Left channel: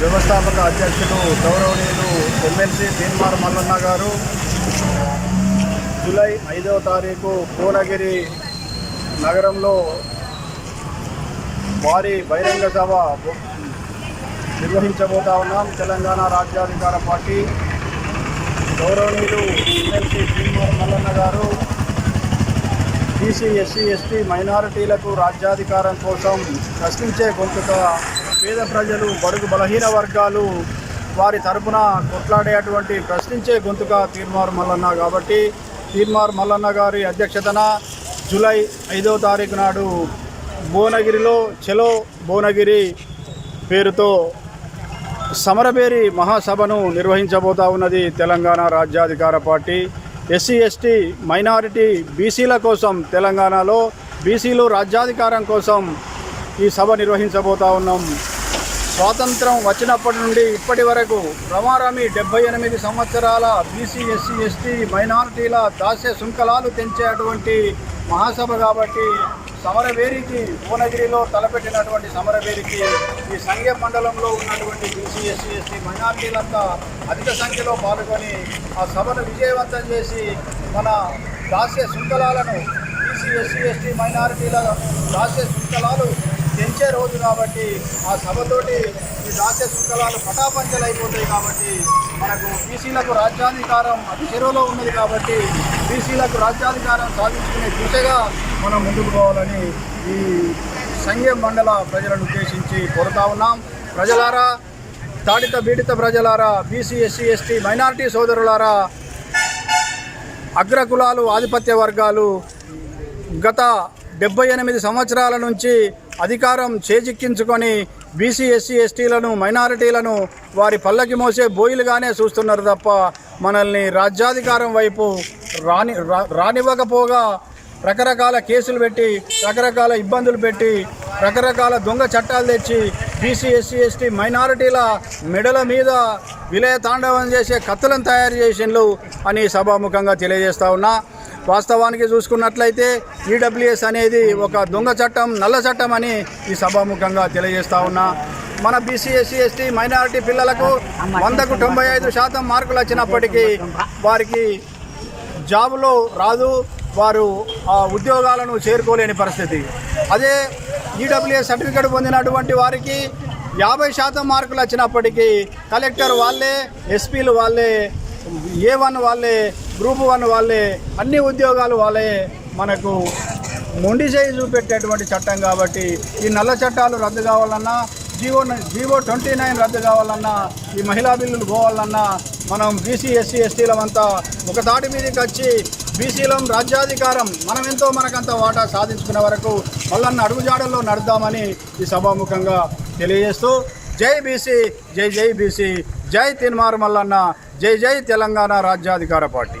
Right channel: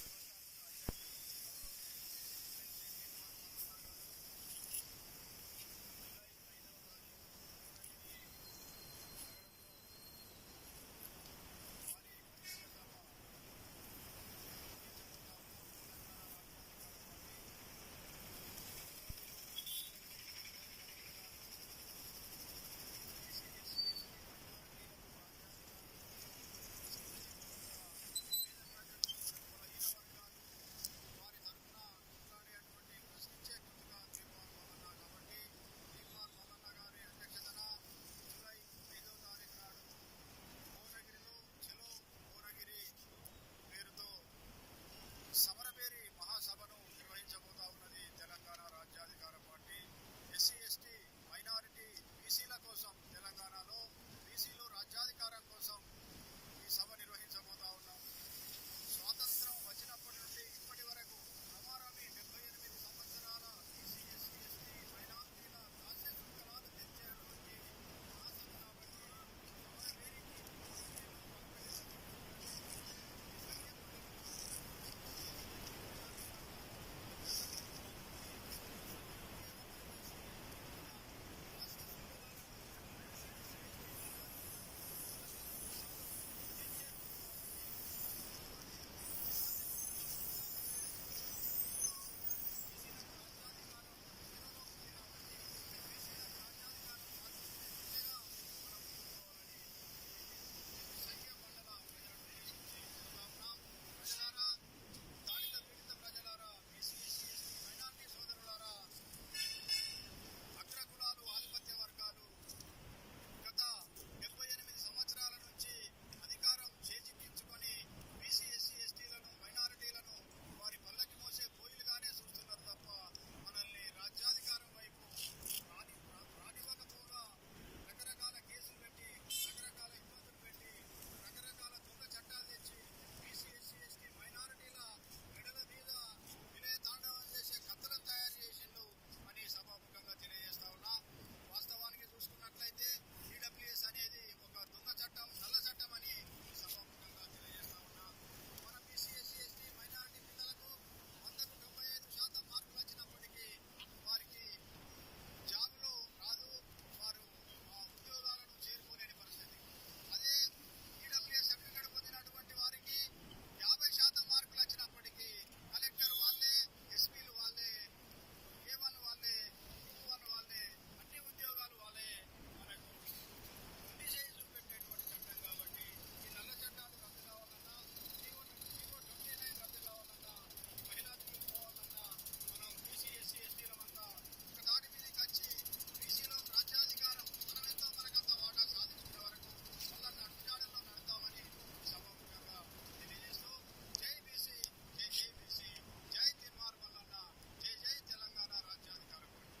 వ్యవస్థాపక అధ్యక్షులు గౌరవనీయులు ఎమ్మెల్సీ తీన్మార్ మల్లన్న గారు జూలై 5వ తారీఖు భువనగిరి నగరంలో భారీ బహిరంగ సభ నిర్వహించబోతా ఉన్నాం. తెలంగాణ రాజ్యాధికార పార్టీ గౌరవనీయులు MLC Teenmar Mallanna garu BC, SC, ST మైనారిటీలకు రాజ్యాధికారం కోసం ప్రశ్నించే గొంతుగా పేద ప్రజలు, బడుగు బలహీన వర్గాలు వారి తరపున కొట్లాడేటువంటి ప్రశ్నించే గొంతుగా తీన్మార్ మల్లన్న కాబట్టి తీన్మార్ మల్లన్న గారి అధ్యక్షతన జూలై 5వ తారీఖు నాడు భువనగిరిలో చలో భువనగిరి పేరుతో సమరభేరి మహాసభను నిర్వహించబోతా ఉన్నది తెలంగాణ రాజ్యాధికార పార్టీ. ఎస్సీ, ఎస్టీ, మైనారిటీ, బీసీల కోసం తెలంగాణలో బీసీలు రాజ్యాధికారం కోసం ఈ సభ నిర్వహించబోతా ఉన్నాం. స్వాతంత్రం వచ్చినప్పటి నుండి ఇప్పటి వరకు రమారమి 78 సంవత్సరాల బీసీ, ఎస్సీ, ఎస్టీ, మైనారిటీల దాస్య శృంఖలాలు తెంచేటువంటి మహాసభ కాబట్టి సమరభేరికి భువనగిరిలో తలపెట్టినటువంటి సమరభేరికి ఈ సంఘ మండలంలో ఉన్నటువంటి బీసీ, ఎస్సీ, ఎస్టీ మైనారిటీలంతా అధిక సంఖ్యలో పాల్గొని ఆ సభను విజయవంతం చేసి మన దాస్య శృంఖలాలను బీసీ, ఎస్సీ, ఎస్టీ మైనారిటీల దాస్య శృంఖలాలు తెంచే రోజు కాబట్టి ఆ సభతోటి ఈ దాస్య శృంఖలాలు పటాపంచలైపోతాయి. కాబట్టి మనకు బీసీలకు రాజ్యాధికారం అతి చెరువులో ఉన్నది కాబట్టి బీసీలకు రాజ్యాధికారం సాధించుకునే దిశగా మనం ముందుకు పోవాలని ఈ సంఘ మండల ప్రజలను ఉద్దేశించి కోరుతా ఉన్నాం. ప్రజలారా, తాడిత బీడిత ప్రజలారా, బీసీ, ఎస్సీ, ఎస్టీ మైనారిటీ సోదరులారా, అగ్రకులాలు, ఆధిపత్య వర్గాలు గత 78 సంవత్సరాల నుంచి అధికారం చేజిక్కించుకొని బీసీ, ఎస్సీ, ఎస్టీలను, మైనారిటీలను వారి పల్లకి మోసే బోయిలుగానే చూస్తున్నారు తప్ప మనల్ని రాజ్యాధికారం వైపు రానివ్వకపోగా రకరకాల కేసులు పెట్టి, రకరకాల ఇబ్బందులు పెట్టి, రకరకాల దొంగ చట్టాలు తెచ్చి బీసీ, ఎస్సీ, ఎస్టీ మైనారిటీల మెడల మీద విలయ తాండవం చేసే కత్తులను తయారు చేసిండ్రు అని సభాముఖంగా తెలియజేస్తా ఉన్నా. వాస్తవానికి చూసుకున్నట్లయితే ఈడబ్ల్యూఎస్ అనేది ఒక దొంగ చట్టం, నల్ల చట్టం అని ఈ సభాముఖంగా తెలియజేస్తా ఉన్నా. మన బీసీ, ఎస్సీ, ఎస్టీ మైనారిటీ పిల్లలకు 100కు 95% మార్కులు వచ్చినప్పటికీ వారికి జాబులో రాదు, వారు ఆ ఉద్యోగాలను చేరుకోలేని పరిస్థితి. అదే ఈడబ్ల్యూఎస్ సర్టిఫికేట్ పొందినటువంటి వారికి 50% మార్కులు వచ్చినప్పటికీ కలెక్టర్ వాళ్ళే, ఎస్పీలు వాళ్ళే, A1 వాళ్ళే, గ్రూప్ 1 వాళ్ళే, అన్ని ఉద్యోగాలు వాళ్ళే మనకు మొండి చేయి చూపెట్టేటువంటి చట్టం కాబట్టి ఈ నల్ల చట్టాలు రద్దు కావాలన్నా, జీవో 29 రద్దు కావాలన్నా, ఈ మహిళా బిల్లులు పోవాలన్నా మనం బీసీ, ఎస్సీ, ఎస్టీలమంతా ఒక తాటి మీదకి వచ్చి బీసీలం రాజ్యాధికారం మనమెంతో మనకంత వాటా సాధించుకునే వరకు మల్లన్న అడుగుజాడల్లో నడుద్దామని ఈ సభాముఖంగా తెలియజేస్తూ జై బీసీ, జై జై బీసీ, జై తీన్మార్ మల్లన్న, జై జై తెలంగాణ రాజ్యాధికార పార్టీ.